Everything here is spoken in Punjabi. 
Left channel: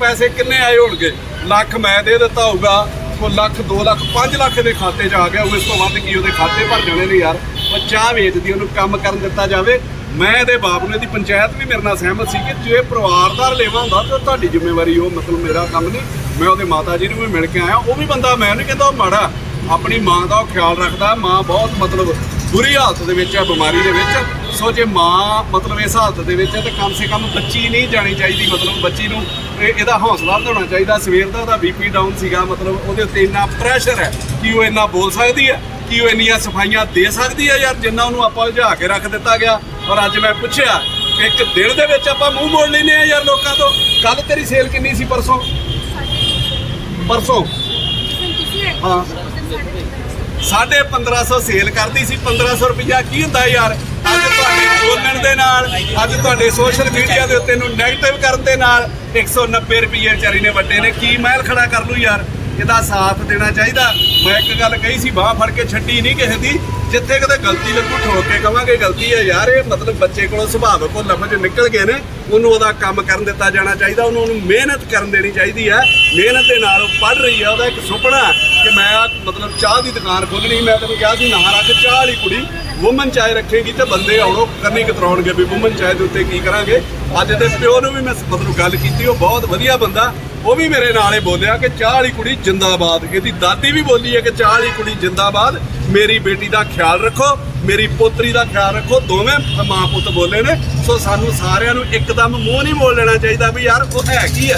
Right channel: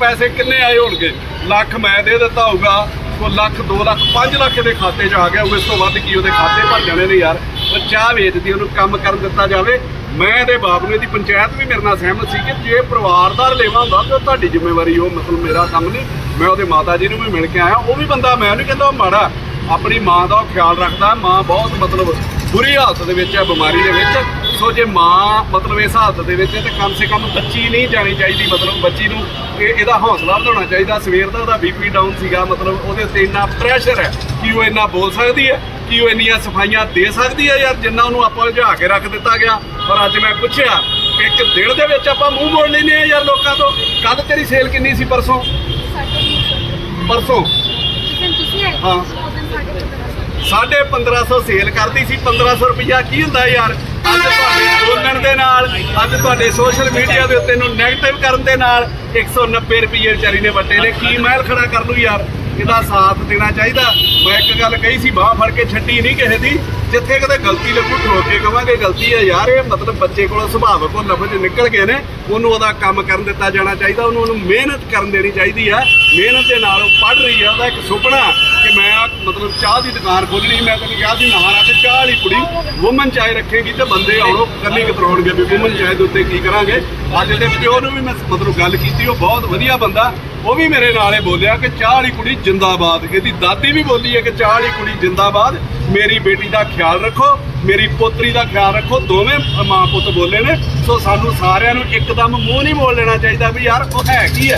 ਪੈਸੇ ਕਿੰਨੇ ਆਏ ਹੋਣਗੇ? ਲੱਖ ਮੈਂ ਦੇ ਦਿੱਤਾ ਹੋਊਗਾ, ਉਹ ਲੱਖ 2 ਲੱਖ 5 ਲੱਖ ਦੇ ਖਾਤੇ 'ਚ ਆ ਗਿਆ ਉਹ ਇਸ ਤੋਂ ਵੱਧ ਕੀ ਉਹਦੇ ਖਾਤੇ ਭਰ ਜਾਣੇ ਨੇ ਯਾਰ? ਉਹ ਚਾਹ ਵੇਚਦੀ, ਉਹਨੂੰ ਕੰਮ ਕਰਨ ਦਿੱਤਾ ਜਾਵੇ। ਮੈਂ ਇਹਦੇ ਬਾਪ ਨੂੰ ਇਹਦੀ ਪੰਚਾਇਤ ਵੀ ਮੇਰੇ ਨਾਲ ਸਹਿਮਤ ਸੀ ਕਿ ਜੇ ਪਰਿਵਾਰ ਦਾ ਰਲੇਵਾ ਹੁੰਦਾ, ਤਾਂ ਤੁਹਾਡੀ ਜ਼ਿੰਮੇਵਾਰੀ ਉਹ ਮਤਲਬ ਮੇਰਾ ਕੰਮ ਨਹੀਂ। ਮੈਂ ਉਹਦੇ ਮਾਤਾ ਜੀ ਨੂੰ ਵੀ ਮਿਲ ਕੇ ਆਇਆ, ਉਹ ਵੀ ਬੰਦਾ ਮੈਂ ਨਹੀਂ ਕਹਿੰਦਾ, ਉਹ ਮਾੜਾ, ਆਪਣੀ ਮਾਂ ਦਾ ਉਹ ਖਿਆਲ ਰੱਖਦਾ, ਮਾਂ ਬਹੁਤ ਮਤਲਬ ਬੁਰੀ ਹਾਲਤ ਦੇ ਵਿੱਚ ਹੈ ਬਿਮਾਰੀ ਦੇ ਵਿੱਚ। ਸੋ ਜੇ ਮਾਂ ਮਤਲਬ ਇਸ ਹਾਲਤ ਦੇ ਵਿੱਚ ਹੈ ਤੇ ਕਮ ਸੇ ਕਮ ਬੱਚੀ ਨਹੀਂ ਜਾਣੀ ਚਾਹੀਦੀ। ਮਤਲਬ ਬੱਚੀ ਨੂੰ ਇਹ ਇਹਦਾ ਹੌਸਲਾ ਵਧਾਉਣਾ ਚਾਹੀਦਾ। ਸਵੇਰ ਦਾ ਉਹਦਾ ਬੀਪੀ ਡਾਊਨ ਸੀਗਾ। ਮਤਲਬ ਉਹਦੇ ਉੱਤੇ ਇੰਨਾ ਪ੍ਰੈਸ਼ਰ ਹੈ ਕਿ ਉਹ ਇੰਨਾ ਬੋਲ ਸਕਦੀ ਹੈ ਕਿ ਉਹ ਇੰਨੀਆਂ ਸਫਾਈਆਂ ਦੇ ਸਕਦੀ ਹੈ ਯਾਰ ਜਿੰਨਾ ਉਹਨੂੰ ਆਪਾਂ ਉਲਝਾ ਕੇ ਰੱਖ ਦਿੱਤਾ ਗਿਆ। ਪਰ ਅੱਜ ਮੈਂ ਪੁੱਛਿਆ ਇੱਕ ਦਿਨ ਦੇ ਵਿੱਚ ਆਪਾਂ ਮੂੰਹ ਮੋੜ ਲੈਨੇ ਆ ਯਾਰ ਲੋਕਾਂ ਤੋਂ। ਕੱਲ ਤੇਰੀ ਸੇਲ ਕਿੰਨੀ ਸੀ? ਪਰਸੋਂ? ਪਰਸੋਂ। ਤੁਸੀਂ ਆਏ ਹਾਂ। ਉਸ ਦਿਨ ਸਾਡੇ ਕੋਲ ਸਾਢੇ 1500 ਸੇਲ ਕਰਦੀ ਸੀ 1500 ਰੁਪਇਆ ਕੀ ਹੁੰਦਾ ਯਾਰ? ਅੱਜ ਤੁਹਾਡੇ ਬੋਲਣ ਦੇ ਨਾਲ, ਅੱਜ ਤੁਹਾਡੇ ਸੋਸ਼ਲ ਮੀਡੀਆ ਦੇ ਉੱਤੇ ਨੂੰ ਨੈਗੇਟਿਵ ਕਰਨ ਦੇ ਨਾਲ 190 ਰੁਪਏ ਵਿਚਾਰੀ ਨੇ ਵੱਟੇ ਨੇ। ਕੀ ਮਹਿਲ ਖੜਾ ਕਰ ਲੂ ਯਾਰ? ਇਹਦਾ ਸਾਥ ਦੇਣਾ ਚਾਹੀਦਾ। ਮੈਂ ਇੱਕ ਗੱਲ ਕਹੀ ਸੀ, ਬਾਹ ਫੜ ਕੇ ਛੱਡੀ ਨਹੀਂ ਕਿਸੇ ਦੀ। ਜਿੱਥੇ ਕਿਤੇ ਗਲਤੀ ਲੱਗੂ ਠੋਕ ਕੇ ਕਵਾਂਗੇ, ਗਲਤੀ ਹੈ ਯਾਰ, ਇਹ ਮਤਲਬ ਬੱਚੇ ਕੋਲੋਂ ਸੁਭਾਵਕ ਉਹ ਲਫ਼ਜ਼ ਨਿਕਲ ਗਏ ਨੇ। ਉਹਨੂੰ ਉਹਦਾ ਕੰਮ ਕਰਨ ਦਿੱਤਾ ਜਾਣਾ ਚਾਹੀਦਾ, ਉਹਨੂੰ ਉਹਨੂੰ ਮਿਹਨਤ ਕਰਨ ਦੇਣੀ ਚਾਹੀਦੀ ਹੈ ਮਿਹਨਤ ਦੇ ਨਾਲ ਉਹ ਪੜ੍ਹ ਰਹੀ ਹੈ ਉਹਦਾ ਇੱਕ ਸੁਪਨਾ ਕਿ ਮੈਂ ਮਤਲਬ ਚਾਹ ਦੀ ਦੁਕਾਨ ਖੋਲਣੀ ਮੈਂ ਤੈਨੂੰ ਕਿਹਾ ਸੀ ਨਾ ਰੱਖ ਚਾਹ ਵਾਲੀ ਕੁੜੀ ਵੂਮਨ ਚਾਹ ਰੱਖੇਗੀ ਤੇ ਬੰਦੇ ਆਉਣੋ ਕੱਲੀ ਕਤਰਾਉਣਗੇ ਵੀ ਵੂਮਨ ਚਾਹ ਦੇ ਉੱਤੇ ਕੀ ਕਰਾਂਗੇ। ਅੱਜ ਦੇ ਪਿਓ ਨੂੰ ਵੀ ਮੈਂ ਮਤਲਬ ਗੱਲ ਕੀਤੀ, ਉਹ ਬਹੁਤ ਵਧੀਆ ਬੰਦਾ, ਉਹ ਵੀ ਮੇਰੇ ਨਾਲ ਇਹ ਬੋਲਿਆ ਕਿ ਚਾਹ ਵਾਲੀ ਕੁੜੀ ਜਿੰਦਾਬਾਦ, ਇਹਦੀ ਦਾਦੀ ਵੀ ਬੋਲੀ ਹੈ ਕਿ ਚਾਹ ਵਾਲੀ ਕੁੜੀ ਜਿੰਦਾਬਾਦ, ਮੇਰੀ ਬੇਟੀ ਦਾ ਖਿਆਲ ਰੱਖੋ, ਮੇਰੀ ਪੋਤਰੀ ਦਾ ਖਿਆਲ ਰੱਖੋ, ਦੋਵੇਂ ਮਾਂ ਪੁੱਤ ਬੋਲੇ ਨੇ, ਸੋ ਸਾਨੂੰ ਸਾਰਿਆਂ ਨੂੰ ਇੱਕਦਮ ਮੂੰਹ ਨਹੀਂ ਬੋਲ ਲੈਣਾ ਚਾਹੀਦਾ ਵੀ ਯਾਰ, ਉਹ ਹੈ ਕੀ ਹੈ?